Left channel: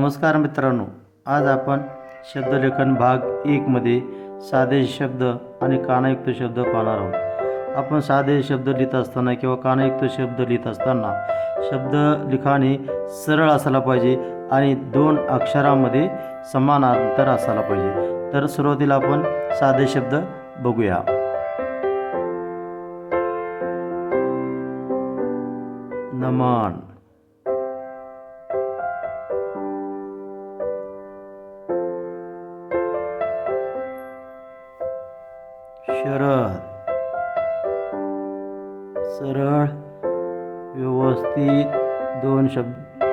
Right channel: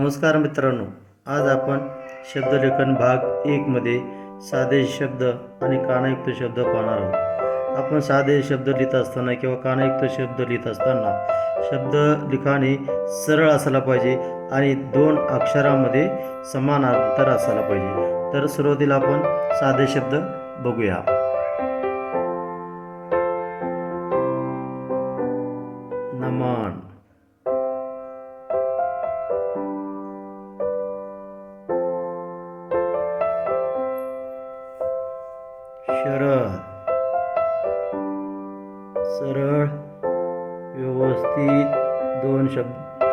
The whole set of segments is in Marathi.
नमस्कार मित्रांनो आज आपण शब्दलेखन भाग एकमध्ये साधे शब्द आणि कानायुक्त शब्द पाहणार आहोत. आपण साधे शब्द लिहित असताना किंवा कानायुक्त शब्द लिहित असताना शब्द लिखाण हे सरळ असायला पाहिजे आणि दोन अक्षरामध्ये समान अंतर असायला पाहिजे. तर सुरुवातीला आपण साधे शब्द बघूया. सरळ. सरळ व्यवस्थित दोन शब्द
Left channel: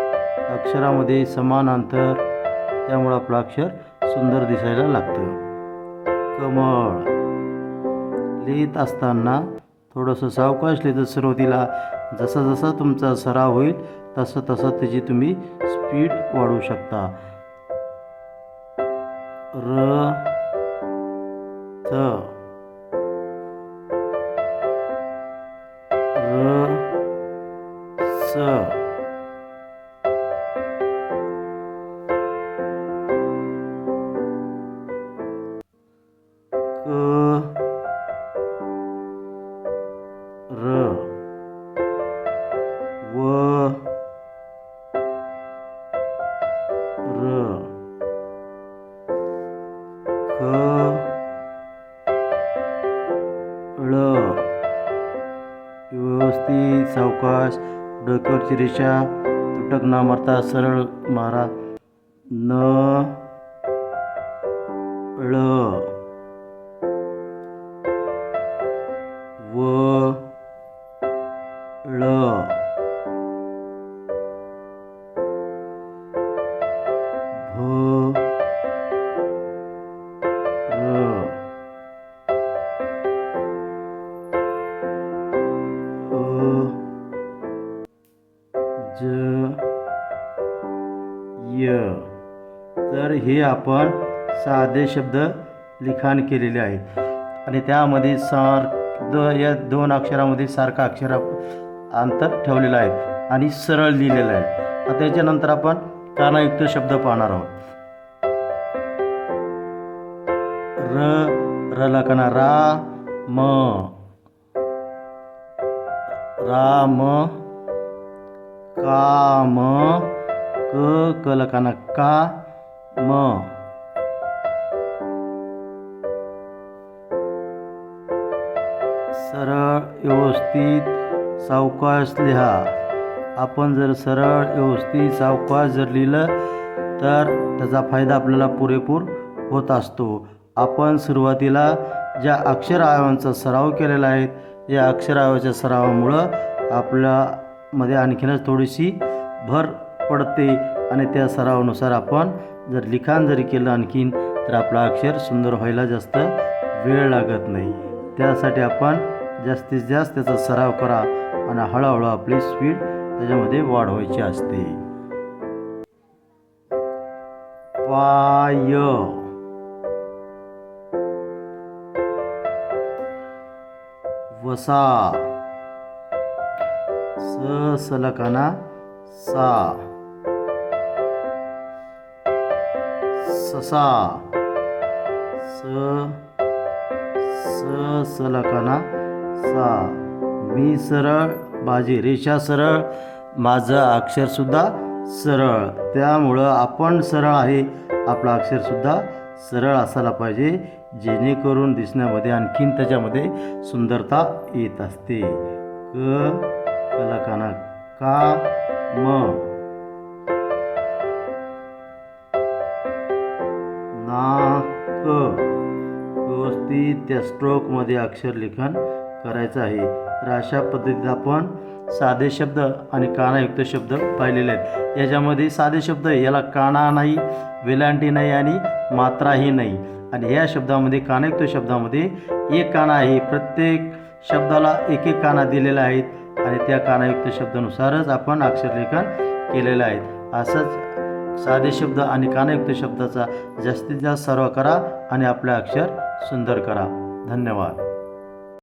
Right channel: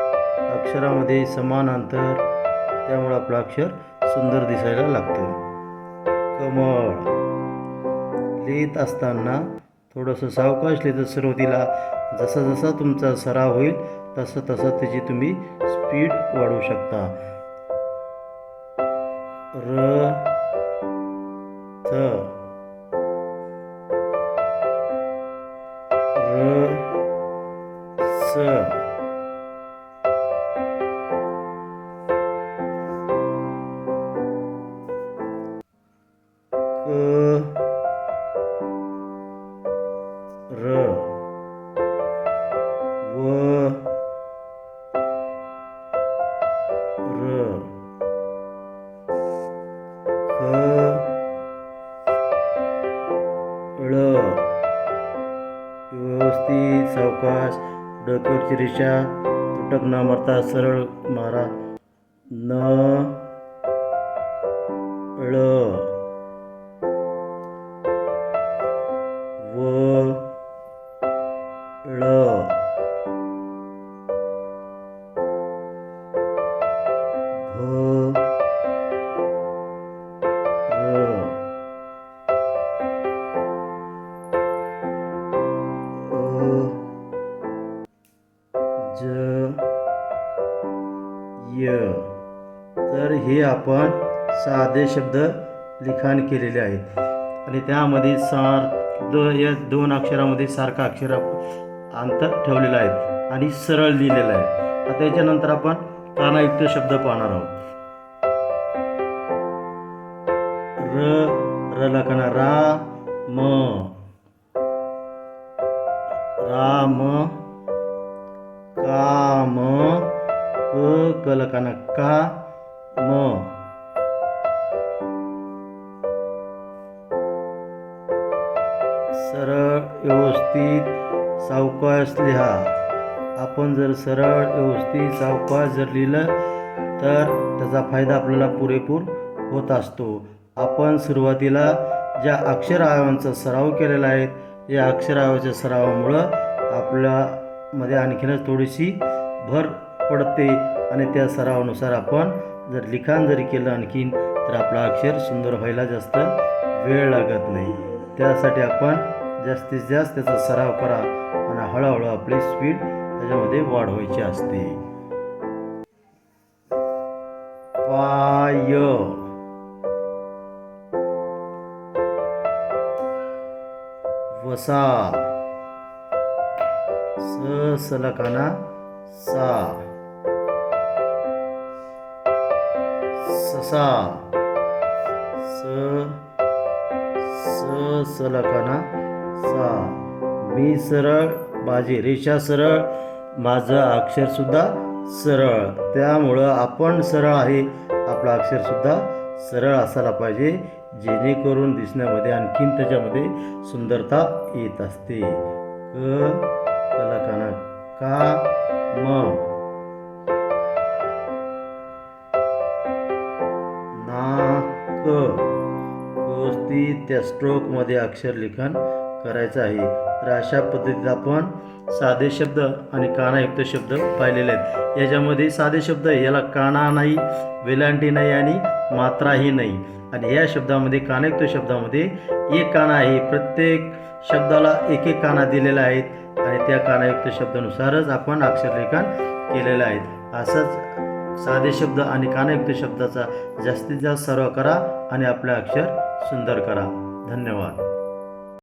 अक्षरामध्ये समान अंतर. त्यामुळं आपलं अक्षर सुंदर दिसायला लागतं कमळ. लिहित असताना थोडंसं सावकाश लिहितं सुरुवातीला जसा जसा तुमचा सराव होईल तसं तसं त्याची तुम्ही स्पीड वाढवू शकता. र र व र ख ळ व्यवस्थित सावकाश डोक्यावरची रेषा तुटक न मारता सरळ मारा न ळ हे आपण साधे शब्द लिखाण केलेले आहेत. आणि त्यामध्ये सार द या दोन अक्षरामध्ये सारखा अक्षर अंतर ठेवलेलं आहे आणि सरळ लिहिलेलं आहे. आता त्याच्यानंतर आपण कानायुक्त शब्द पाहणार आहोत. र र लकना रा म. राम काम क क का म. सरळ व्यवस्थित सावकाश लिहा. आपण जर सरळ व्यवस्थित सावकाश जर लिहिलं तर त्याचा फायदा आपल्याला पुरेपूर होत असतो. आपण सुरुवातीला ज्या अक्षर सराव केलेला आहे या अक्षर सरावामुळं आपल्यामध्ये आणखीनच थोडीशी भर पडते आणि त्या सरावानुसार आपण जर लिखाण जरी केलं आणखीन तर आपलं अक्षर सुंदर व्हायला जास्त वेळ लागत नाही. त्यासाठी आपण जास्तीत जास्त त्याचा सराव करा आणि हळूहळू आपली स्पीड त्याच्यामध्ये वाढवायची असते. पाय. वसा. स सलकाना सा. ससा स स सलकाना सा. मी सरळ माझी रेषा सरळ माझं अक्षरसुद्धा सरळ. त्यामुळं आपण सरळ आहे. आपलं अक्षरसुद्धा सरळ असायला पाहिजे जेणेकरून दिसण्यामध्ये आणखीन त्याच्यामध्ये सुंदरता येत असते. क कलाकाना का म. व्यवस्थित त्या स्ट्रोकमध्ये अक्षरलेखन करायचं आहे. तर अशा पद्धतीत आपण साधे शब्द आणि कानायुक्त शब्द पाहिलेले आहेत. याच्यामध्ये साधे शब्द याला काना नाही वेलांटी नाही आणि मात्राही नाही. आणि या शब्दामध्ये कानायुक्त शब्दामध्ये एक काना आहे. प्रत्येक शब्दाला एक एक काना दिलेला आहेत. आणि त्या कानायुक्त शब्दानुसारच आपण अक्षरलेखन केलेलं आहे. असंच साधे शब्द आणि कानयुक्त शब्दाचा जास्तीत जास्त सराव करा आणि आपलं अक्षर सुंदर करा. धन्यवाद.